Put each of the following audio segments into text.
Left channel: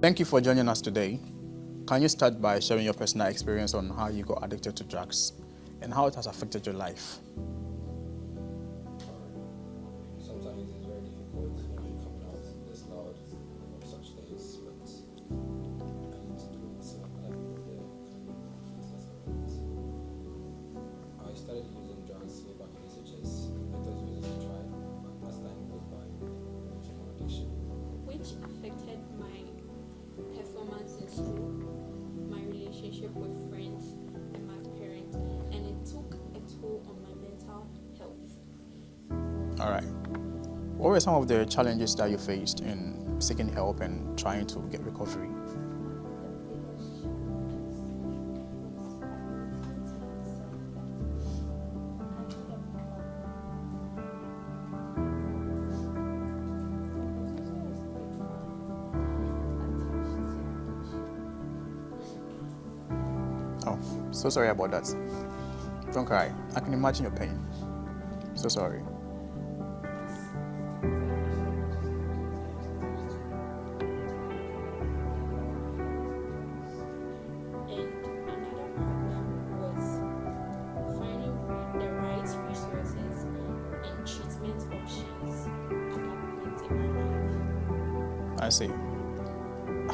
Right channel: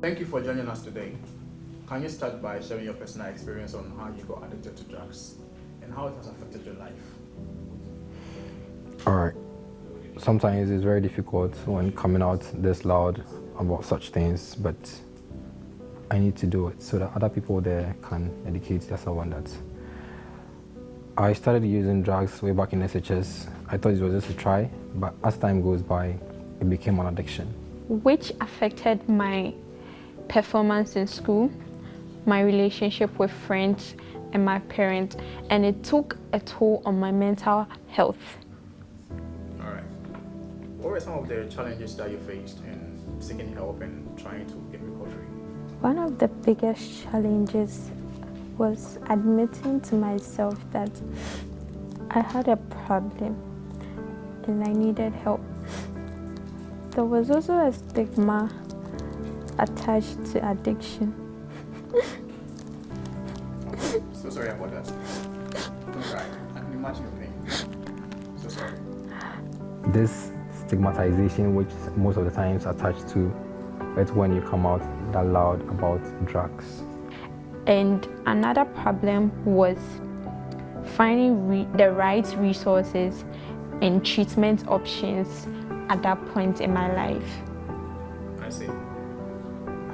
Thank you for joining us today. Can you start by sharing your personal experience on how you got addicted to drugs and how it has affected your life? All right. Sometimes it's very difficult when coming out this loud about such things, but I need to do it so that other people there can educate themselves on that. I started using drugs way back in SHS. I thought it was just a try, but as time goes by, it became an addiction. Which affected my performance in school, my relationship with friends and my parents, and it took a toll on my mental health. All right. What were some of the challenges that you faced in seeking help and trying to get recovery? One of the biggest challenges was admitting to myself that I had a problem and I needed help. There was also a stigma attached to addiction. Oh, so sorry about that. Don't cry. I can imagine your pain. So sorry. This stigmatization, which most of the times attached to it when you come out that loud about drugs. And another problem was finding the right resources and treatment options at that point in my life. I see.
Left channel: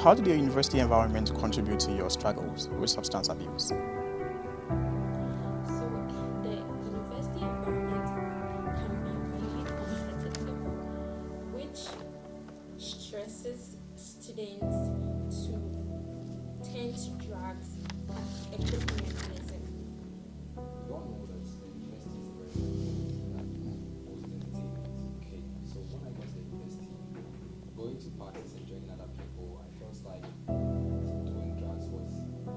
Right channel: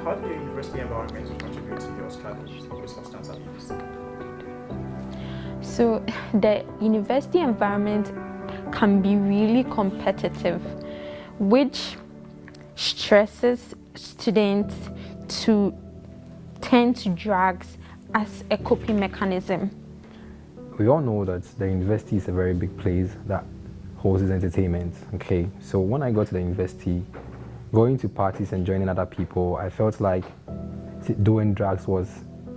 How did your university environment contribute to your struggles with substance abuse? So the university environment can be really competitive, which stresses students to turn to drugs as a coping mechanism. We all know that the university is a very big place that hosts entertainment. Okay, so when I got to the university, going to parties and joining other people, I felt like doing drugs was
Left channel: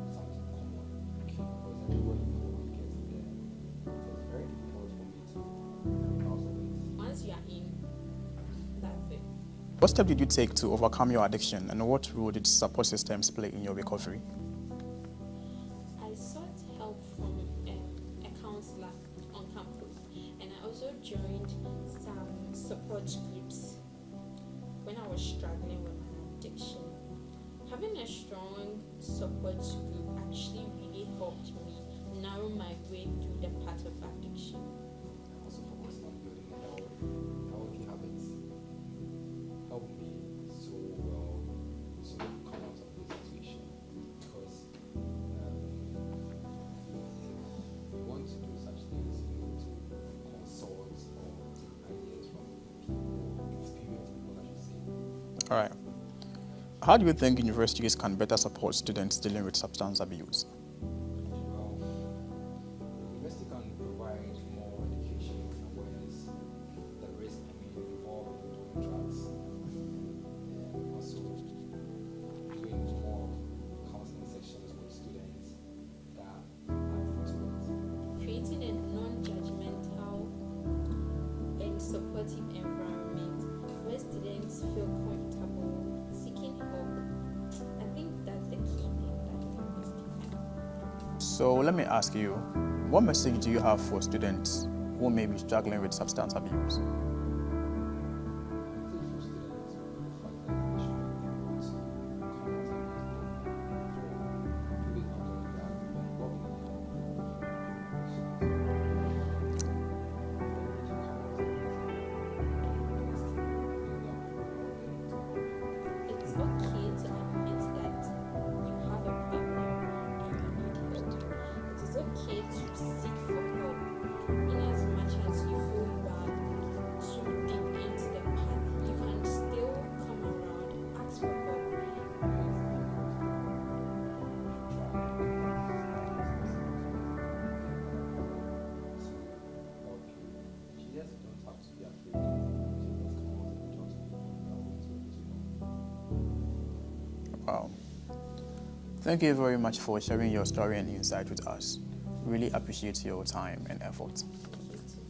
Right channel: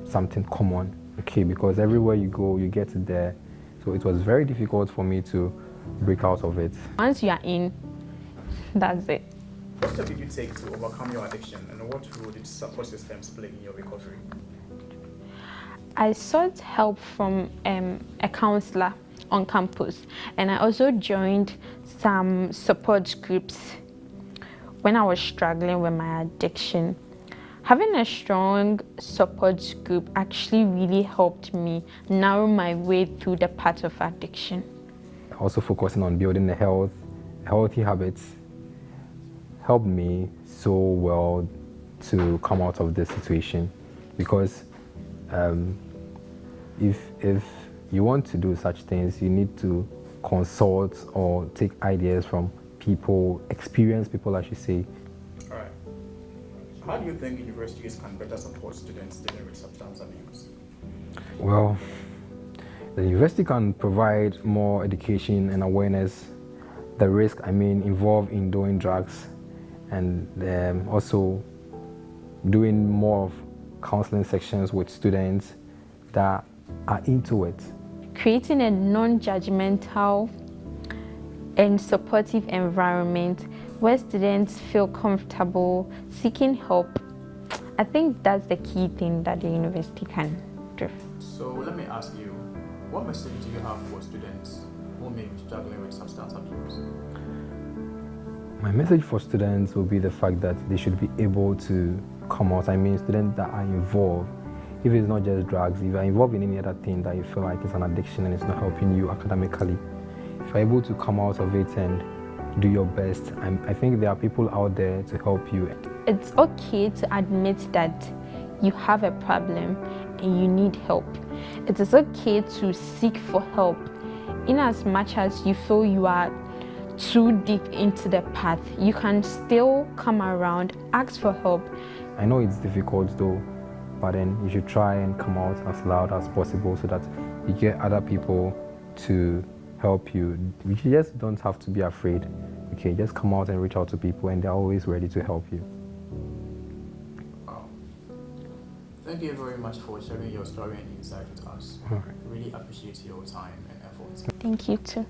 something common. Okay, because everywhere you go, you get it there. So it was very difficult for me to break out of it. Once you are in, that's it. What steps did you take to overcome your addiction, and what role did support systems play in your recovery? I sought help from a counselor on campus, and I also joined some support groups when I was struggling with my addiction. Having a strong support group actually really helped me narrow my way through the path of addiction. Also focusing on building healthy habits helped me so well to come out of this situation, because if you want to do such things, you need to consult or take ideas from people, experienced people, I should say. All right. How do you think universities can better support students dealing with substance abuse? Well, the university can provide more education and awareness, the risk, involved in doing drugs, and also doing more of counseling sections with students that are into it. Creating a non-judgmental and supportive environment where students feel comfortable seeking help. I think that's the key thing that the university can do. So let me ask you, what message do you have for students who may be struggling with substance abuse? My message for students will be the fact that they should be able to come out. Students that are involved, if it's not just drugs, if you're involved in any other thing that you feel like it's an addiction and it's not helping you academically, if you're able to come out of it and do your best, I think there are people out there to help you. It's okay to admit that you have a problem and you need help. It is okay to seek for help in as much as you feel you are too deep into the path. You can still come around, ask for help. I know it's difficult though, but then you should try and come out as loud as possible so that you get other people to help you. You just don't have to be afraid. Okay, just come out and reach out to people, and they're always ready to help you. Wow. Thank you very much for sharing your story and insight with us. All right. Really appreciate your time and effort. Thank you too.